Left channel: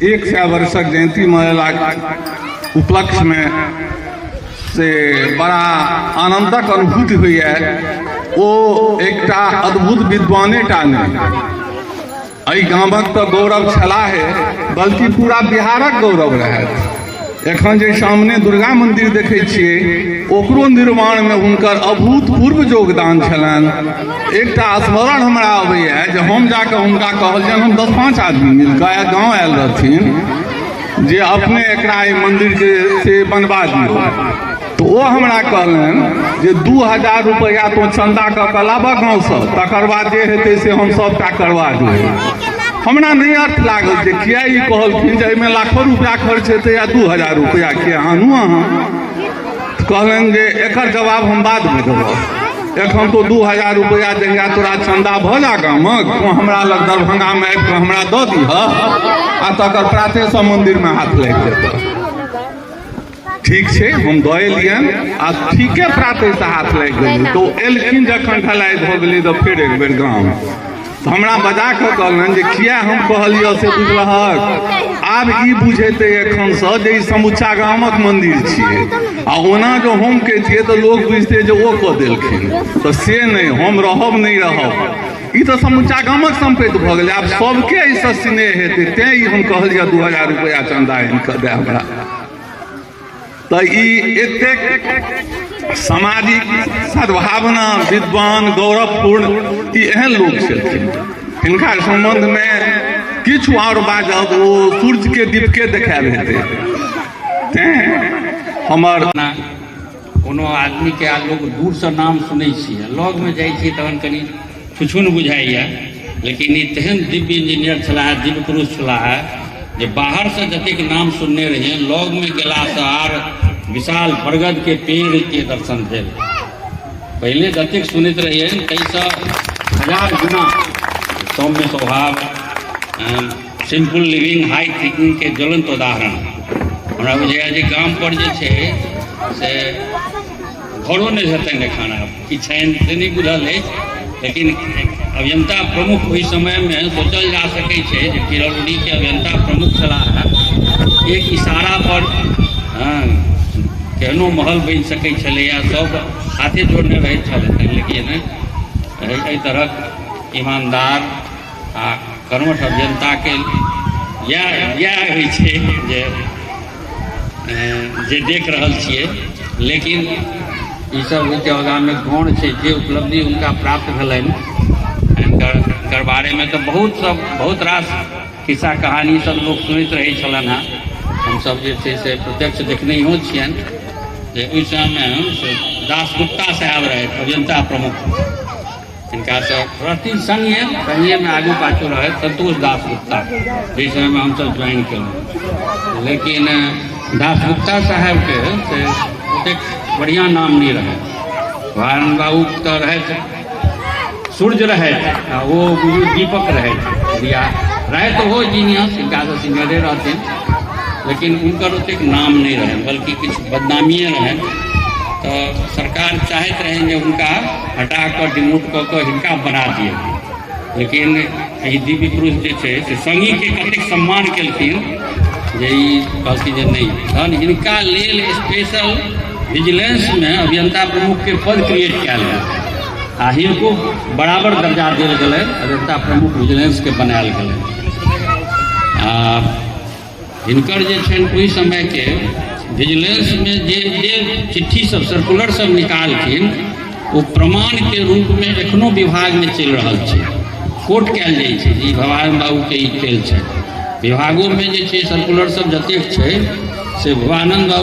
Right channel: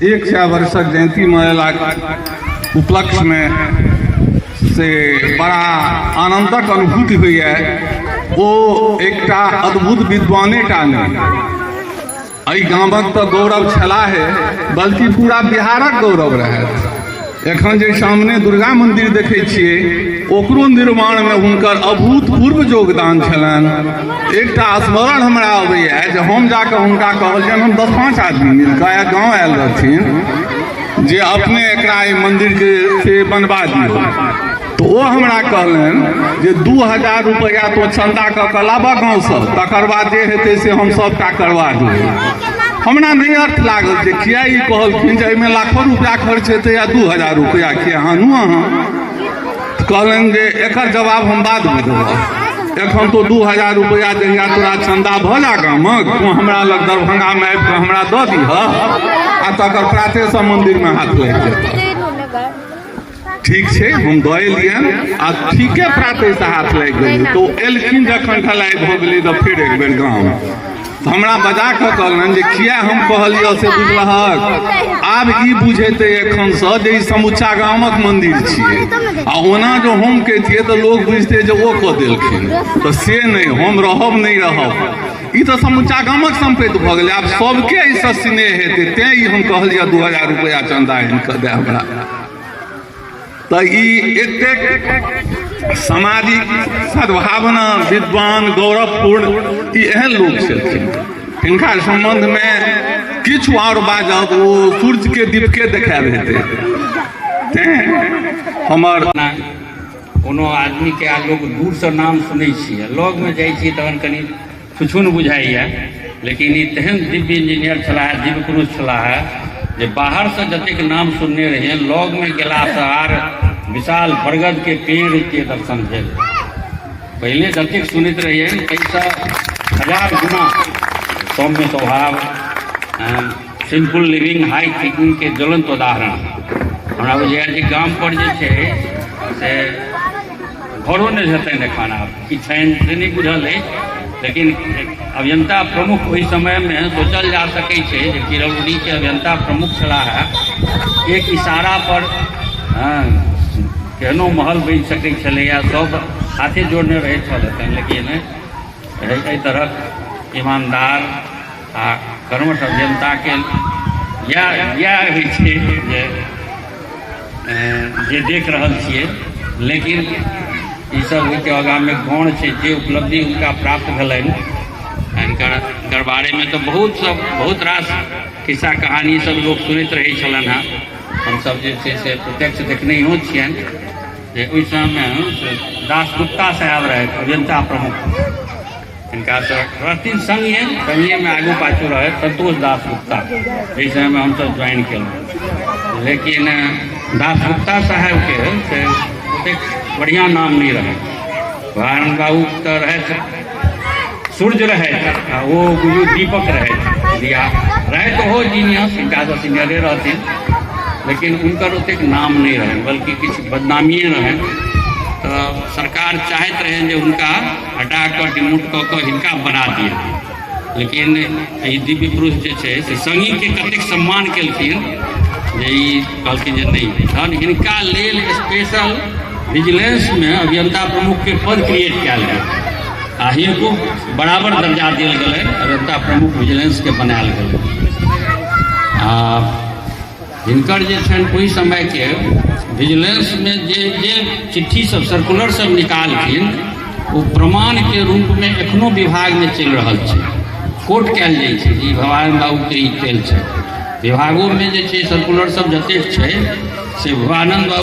एक 100 वर्षक जयंती मनालाक उपलक्ष्य में से बड़ा आनंदक अनुभूति हुई है। वो एक अद्भुत विद्वाने टा नहीं गामक तो गौरव छला है बल्कि पूरा बिहारक गौरव रहे। एखन जे सामने दुर्गा मंदिर देखे छिए ओकरो निर्माण में हुनकर अभूतपूर्व योगदान छलनि। एक स्मरण हमरा अबैया जे हम जाके हुनका कहलियनि, हम 10-5 आदमी मिलकर गाँव आयल रहथिन जे अपने एकरा मंदिर के से बनवा दियो। तो वो हमरा कहलनि जे 2000 रुपया तो चंदा कऽ लाबऽ गाँव से, तकर बाद जे हेतै से हम सबटा करवा देबै। हमरा नहीं अर्थ लागल जे किया ई कहलखिन जे एहिमे लाखों रुपया खर्च हेतै या 2000 रुपया किया आनू अहाँ। कहलनि जे एकर जवाब हम बाद में देबै। एखन तो 2000 रुपया जहिया तोरा चंदा भऽ जा गामक तो हमरा लग दरभंगा में आबि कऽ हमरा दऽ दीह आ तकर प्राते से मंदिर में हाथ लागि जेतै। ठीक छै, हम दऽ एलियनि आ ठीके प्राते से हाथ लागि गेलै। तो एलखिन जखन ढलाई भऽ गेलै तो फेर एक बेर गाँव तो हमरा बजा कऽ कहलनि जे किया हम कहलियै से बुझलहक। आब ई बुझेतै एखन से जे ई समुच्चा गामक मंदिर छियै आ ओना जो हम के छियै तो लोग बुझतै जे ओ कऽ देलखिन। तो से नहीं, हम रहब नहीं रहब, ई तो समुच्चा गामक संपत्ति भऽ गेलै। आब सबके एहिसँ स्नेह हेतै, तेँ ई हम कहलियै 2000 रुपया चंदा आनि कऽ दे हमरा। तो ई एतेक सामाजिक सद्भावना विद्वान गौरवपूर्ण ई एहन लोग छलखिन। हिनका संबंध में किछु और बाजब ओ सूर्य के दीपके देखाएब हेतै। तेँ हमर कोनो आदमी के लोग दूर से नाम सुनै छियै, लग में जाइ छियै तहन कनि छुछुन बुझाइए। लेकिन ई तेहन दिव्य इंजीनियर छलाह, दिव्य पुरुष छलाह जे बाहर से जतेक नाम सुनने रहिए लग में गेला से आर विशाल बरगद के पेड़ के दर्शन भेल। पहले जतेक सुनैत रहिए ताहिसँ 1000 गुना सौम्य स्वभाव, सिंपल लिविंग, हाई थिंकिंग के ज्वलंत उदाहरण हमरा बुझाइया जे गाम पर जे छै से घरो नहीं हेतनि एखन। आब की छनि से नहीं बुझल अछि, लेकिन अभियंता प्रमुख ओहि समय में सोचल जा सकै छै जे चिरौरी के अभियंता प्रमुख छलाह। एक इशारा पर केहनो महल बनि सकै छलैया, सब हाथे जोड़ने रहैत छलथि। लेकिन एहि तरहक ईमानदार आ कर्मठ अभियंता के इएह होइ छै जे देख रहल छियै। लेकिन ई सब ओहिके आगाँ में गौण छै जे उपलब्धि हुनका प्राप्त भेलनि। हिनकर बारे में तो बहुत रास खिस्सा कहानी सब लोग सुनैत रहै छलनि हेँ। हमसब जे छै से प्रत्यक्ष देखने हो छियनि जे ओहि समय दासगुप्ता साहब रहे अभियंता प्रमुख, हिनका रहथिन संगे में आगू पाछू रहे संतोष दासगुप्ता, ओहि समय में हमसब ज्वाइन केलहुँ। लेकिन दासगुप्ता साहब के से ओतेक बढ़िया नाम नहीं रहे। वारण बाबू तो रहे सूर्य रहे आ वो गुरु दीपक रहे दिया रहे तो हो जीनियस, हिनका से सीनियरे रहथिन। लेकिन उनकर ओतेक नाम नहीं रहे, बल्कि किछु बदनामिए रहे। तो सरकार चाहैत रहे जे हुनका हटा कऽ डिमोट कऽ कऽ हिनका बना दिए। लेकिन ई दिव्य पुरुष जे छै से संगीके कतेक सम्मान केलखिन जे ई कहलखिन जे नहीं, तहन हिनका लेल स्पेशल विजिलेंसमे अभियंता प्रमुखके पद क्रिएट कयल गेल आ हिनको बराबर दर्जा देल गेलै, अभियंता प्रमुख विजिलेंसके बनायल गेलै। आ हिनकर जे छनि ओहि समयके विजिलेंसमे जे चिट्ठी सब सर्कुलर सब निकालखिन ओ प्रमाणके रूपमे एखनो विभागमे चलि रहल छै, कोर्ट कयल जाइ छै ई भवानी बाबूके ई खेल छै। विभागोमे जे छै सर्कुलर सब जतेक छै से भवानंद बाबू